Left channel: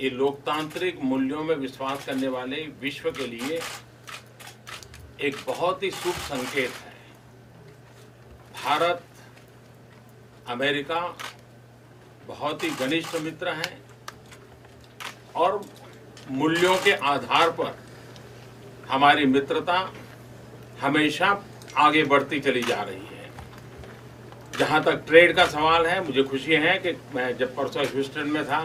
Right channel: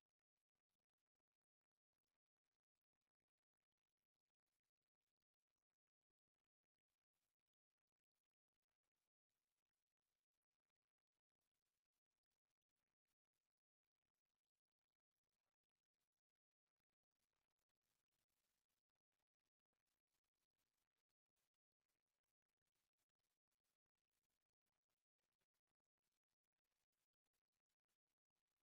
ये लोकतांत्रिक मूल्यों में विश्वास करने वाले विश्व के लिए एक बहुत ही शुभ संकेत है। भारत अमेरिका बहुत ही घनिष्ठ मित्र हैं और मूल्यों के आधार पर हमारी मित्रता हमेशा आगे बढ़ती चली जा रही है। जहां तक ट्रेड का सवाल है, मुझे खुशी है कि मैं जब परसों ह्यूस्टन में था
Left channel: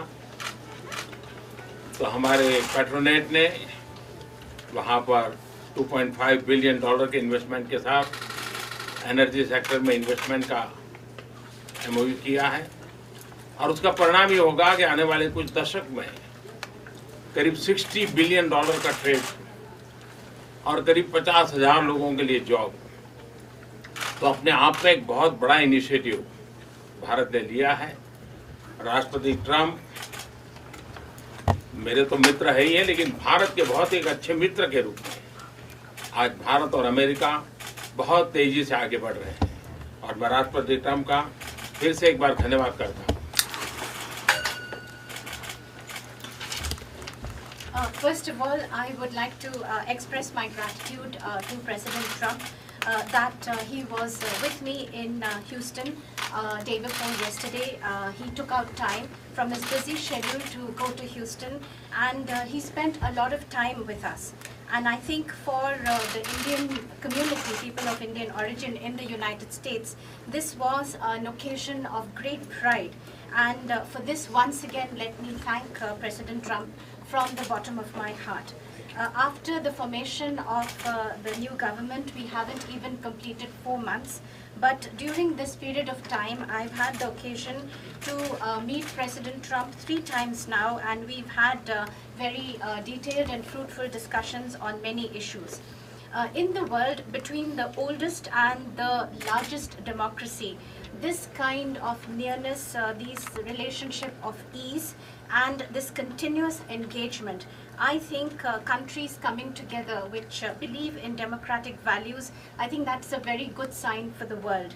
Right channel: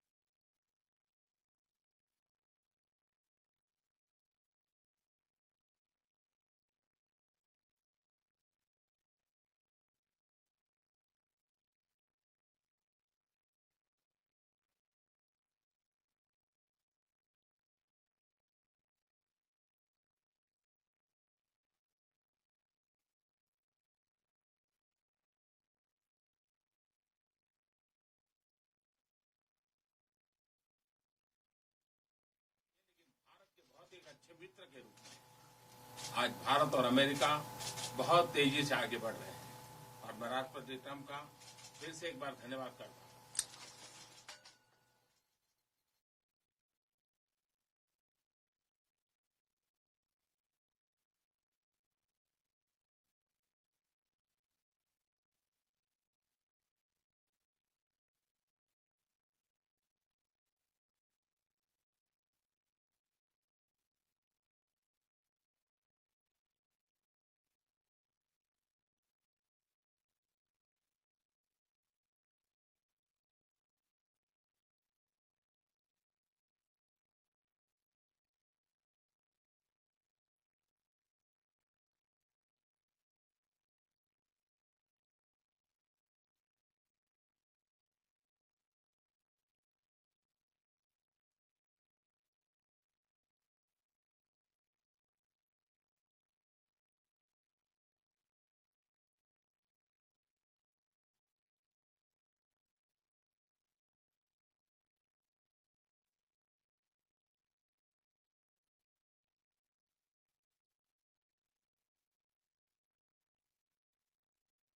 तो हमारे पेट्रोनेट ने वहां पर $2.5 बिलियन के इन्वेस्टमेंट के साथ एनर्जी सेक्टर में इन्वेस्टमेंट का MOU किया है और उसका परिणाम ये होगा कि आने वाले कुछ दशक में करीब $60 बिलियन का ट्रेड और करीब 50,000 लोगों के लिए जॉब। तो अपने आप में एक बहुत बड़ा इनिशिएटिव भारत ने लिया है। राष्ट्रपति ट्रंप मेरे तो मित्र है ही है, लेकिन भारत के बहुत एक अच्छे मित्र के रूप में आज भारत और अमेरिका बहुत तेजी से आगे बढ़ रहे हैं और मैं राष्ट्रपति ट्रंप का फिर से एक बार धन्यवाद करता हूँ। First of all, I would like to express my gratitude to President Trump that he was with me in Houston day before yesterday. He took out time from his busy schedule to go to Houston, and he spent a lot of time with us. And I think for the Indian community, people of Indian origin in the United States, this was an occasion of great pride. And for this, once again, let me thank President Trump from the bottom of my heart. After the formation of the new government, we haven't even completed 4 months. But during this period of time, I've had the occasion to meet President Trump 3 times now, and we've had very detailed and fruitful discussions on many issues. In the world, between the oldest and the largest democracy, this kind of nearness, this relationship of ease, and this continuous engagement, I think countries coming together which believe in democratic values, I think that's a very good sign for the world.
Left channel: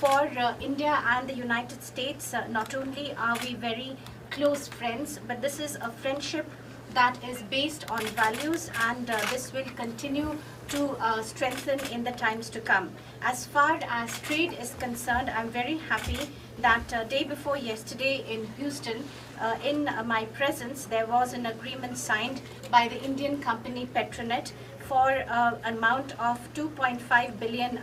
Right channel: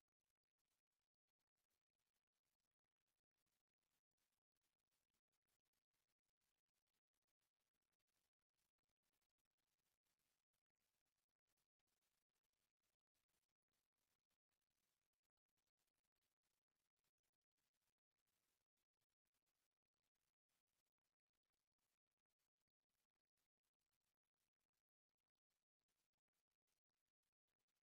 For India and the United States, not only are we very close friends, but this is a friendship that is based on values, and this will continue to strengthen in the times to come. As far as trade is concerned, I'm very happy that day before yesterday in Houston, in my presence, there was an agreement signed by the Indian company Petronet for an amount of $2.5 billion,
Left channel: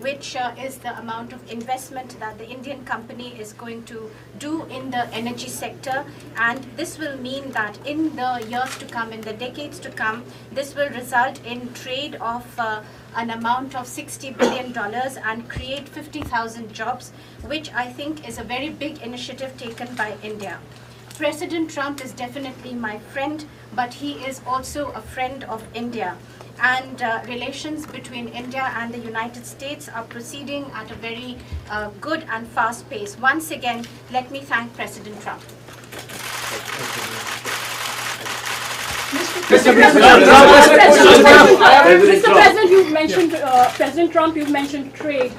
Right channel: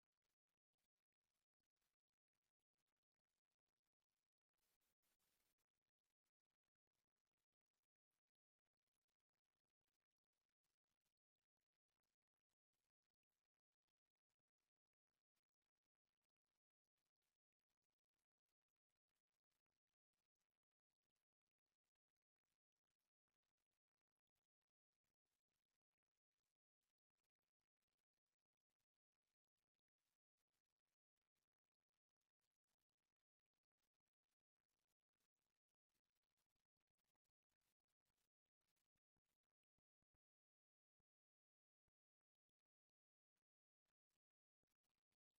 which is the amount of investment that the Indian company is going to do in the energy sector. And this will mean that in the years to come, in the decades to come, this will result in trade of an amount of $60 billion and create 50,000 jobs, which I think is a very big initiative taken by India. President Trump is definitely my friend, but he is also a friend of India. And relations between India and the United States are proceeding at a very good and fast pace. Once again, let me thank President Trump. Mr. President, you've mentioned President Trump. You've mentioned trade.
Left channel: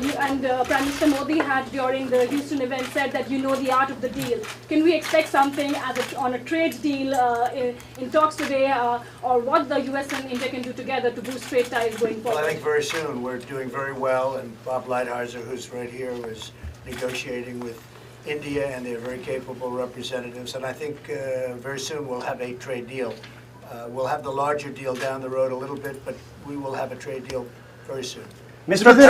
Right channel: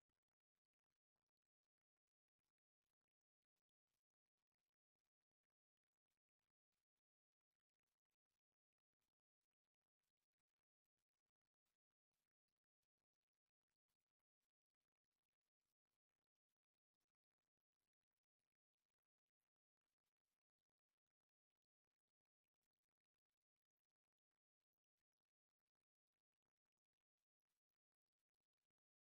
You and Prime Minister Modi had during the Houston event said that you know the art of the deal. Can we expect something on a trade deal in talks today, or what the U.S. and India can do together to boost trade ties going forward? Well, I think very soon. We're doing very well, and Bob Lighthizer, who's right here, is negotiating with India, and they're very capable representatives. And I think very soon we'll have a trade deal. We'll have the larger deal down the road a little bit, but we will have a trade deal very soon. Mr. Trump,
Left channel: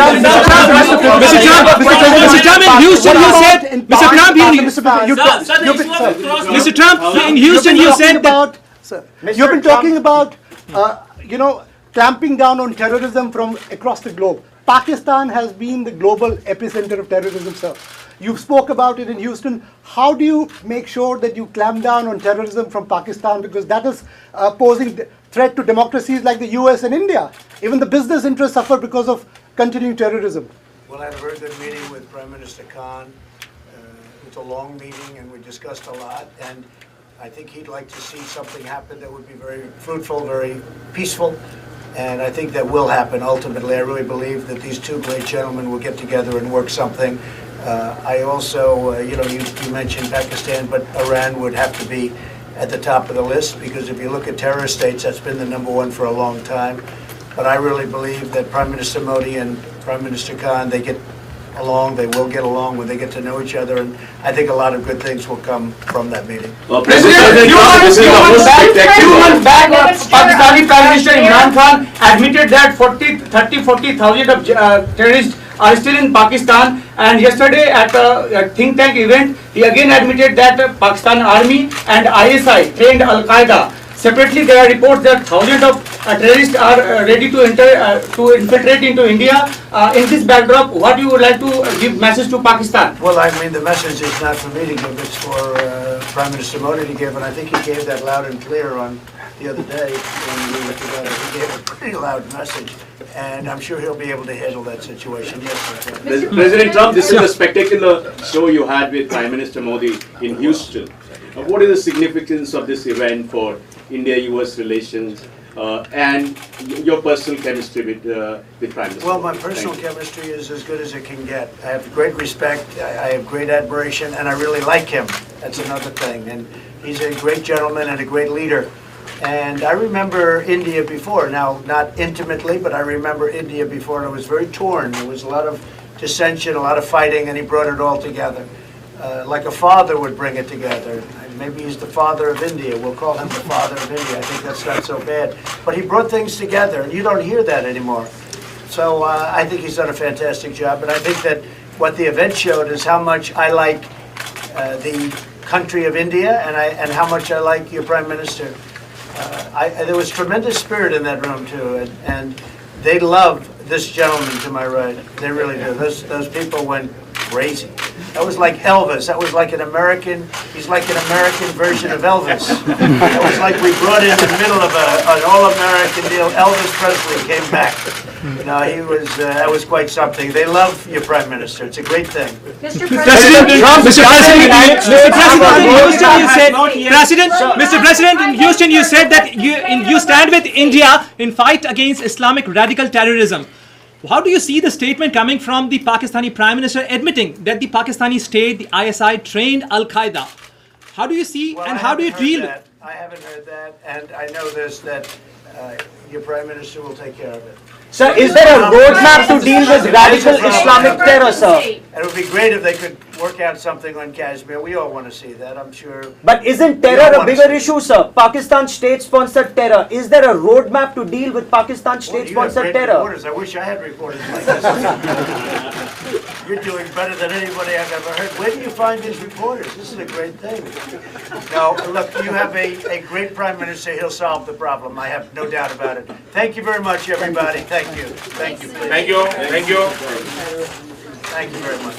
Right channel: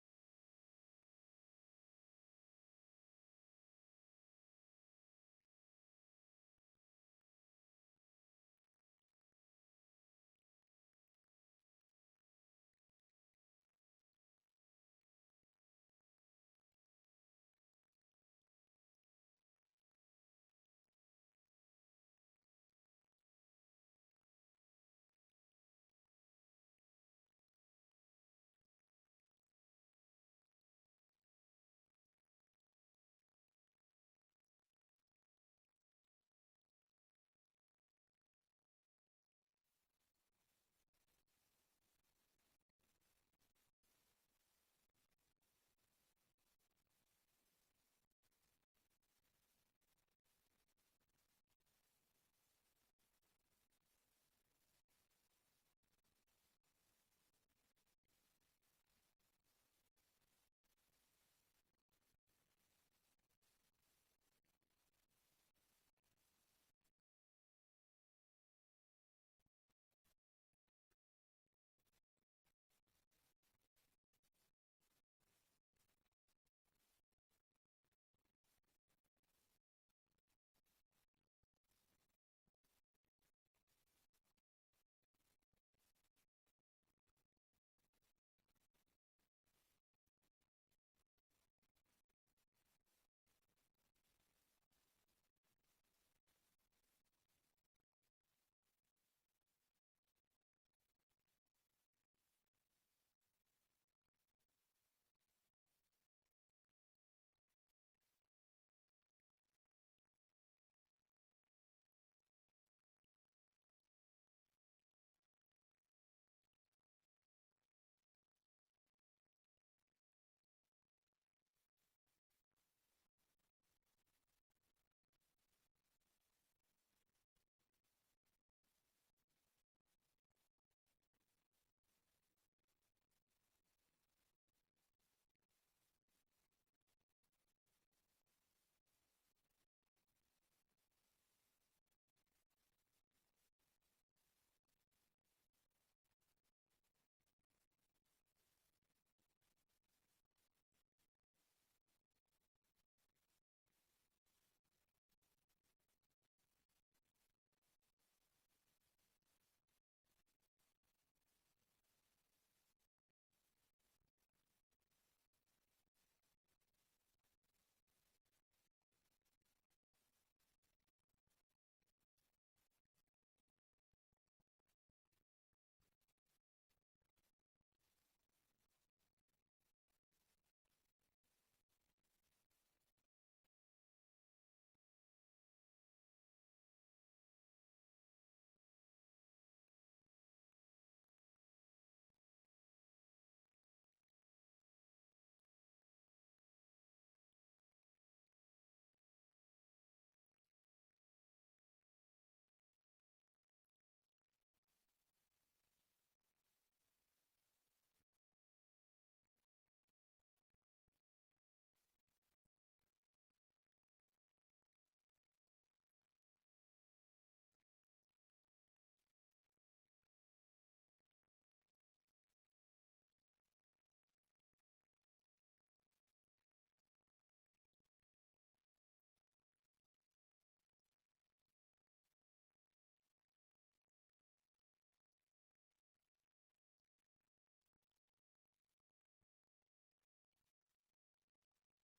in Houston, you said, Mr. Trump, in Houston, you said that. You've been talking about, clamping down on terrorism from across the globe. Pakistan has been the global epicenter of terrorism, sir. You spoke about it in Houston. How do you make sure that you clamp down on terrorism from Pakistan? Because that is posing threat to democracies like the US and India. Even the business interests suffer because of continuing terrorism. Well, I had a very good meeting with Prime Minister Khan. It was a long meeting, and we discussed a lot. And I think he'd like to see something happen that would be very fruitful, very peaceful. And I think that will happen ultimately. I really believe that these two great gentlemen will get together and work something I also, you mentioned Pakistan, but Iran would have to be at the top of the list, because if you look at terrorist states, that's been the number one for a long time. But I really believe that Prime Minister Modi and Prime Minister Khan, they get along, they will get along when they get to know each other, and I think a lot of good things will come from that meeting. President Trump, this is the most spectacular. 2 months back, Pakistani Prime Minister Imran Khan admitted that 40,000 of terrorists are still in Pakistan, and yesterday at a think tank event, he again admitted that Pakistan Army and ISI trained Al-Qaeda. Separately, there are reports that thousands of terrorists are ready to infiltrate into India. In this backdrop, what you would like to give message to Pakistan? Well, I mean, the message is not for me to give, it's for Prime Minister Modi to give, and I think he gave that loud and clear on the other day when we were together. He gave a pretty loud message, and I'm sure he'll be able to handle that situation. Yes, sir. President Trump, this is a spectacular show you had with Prime Minister Modi in Houston. What is the significance of this event for India-US relations and your personal chemistry with Prime Minister? Well, my personal chemistry is as good as it can get. I have great respect, I have great admiration, and I really like him. That's another thing. And he's a great gentleman and a great leader. And I remember India before, now not intimately, but I remember India before, and it was very torn. There was a lot of dissension, a lot of fighting, and he brought it all together. Like a father would bring it together. Maybe he's the father of India. We'll call him the father of India. I think that's not so bad. But he brought things together, and you don't hear that anymore. So I think he's done a fantastic job. And I think that what the event showed is how much I like the country of India, and how much I like your Prime Minister. There was tremendous spirit in that room, too. And they love this gentleman to my right. They really do. Those people went crazy. That was like Elvis. That was like an American, he's like an American version of Elvis. That was like we brought in the middle of an all-American deal. Elvis Presley came back. He was, that was quite something. They love your Prime Minister. It's a great thing. Mr. President, Mr. President, in Houston, you said that you stand with India in fight against Islamic radical terrorism. How do you see the statement coming from the Pakistani Prime Minister admitting that the Pakistani state, the ISI, trained Al-Qaeda? How do you see Well, and I how do you haven't heard deal? that. I haven't heard that, and I know this, that your Prime Minister will take care of it. Sir, is there a roadmap to deal with radical Islamic terror, sir? And it would be great if they could work out something on Kashmir. We all want to see that, I'm sure. But isn't terror a bigger issue, sir? Pakistan state-sponsored terror. Is there a roadmap to deal with Pakistan Well, you have state-sponsored great terror? reporters. I wish I had reporters like this. You're doing better than anybody I've ever heard. Where do you find these reporters? This is a great thing. No, look, you have a great Prime Minister. He'll solve the problem. I have no doubt about it. Thank you very much, everybody. Thank you. Thank you, please. Thank you. Thank you. Thank you very much.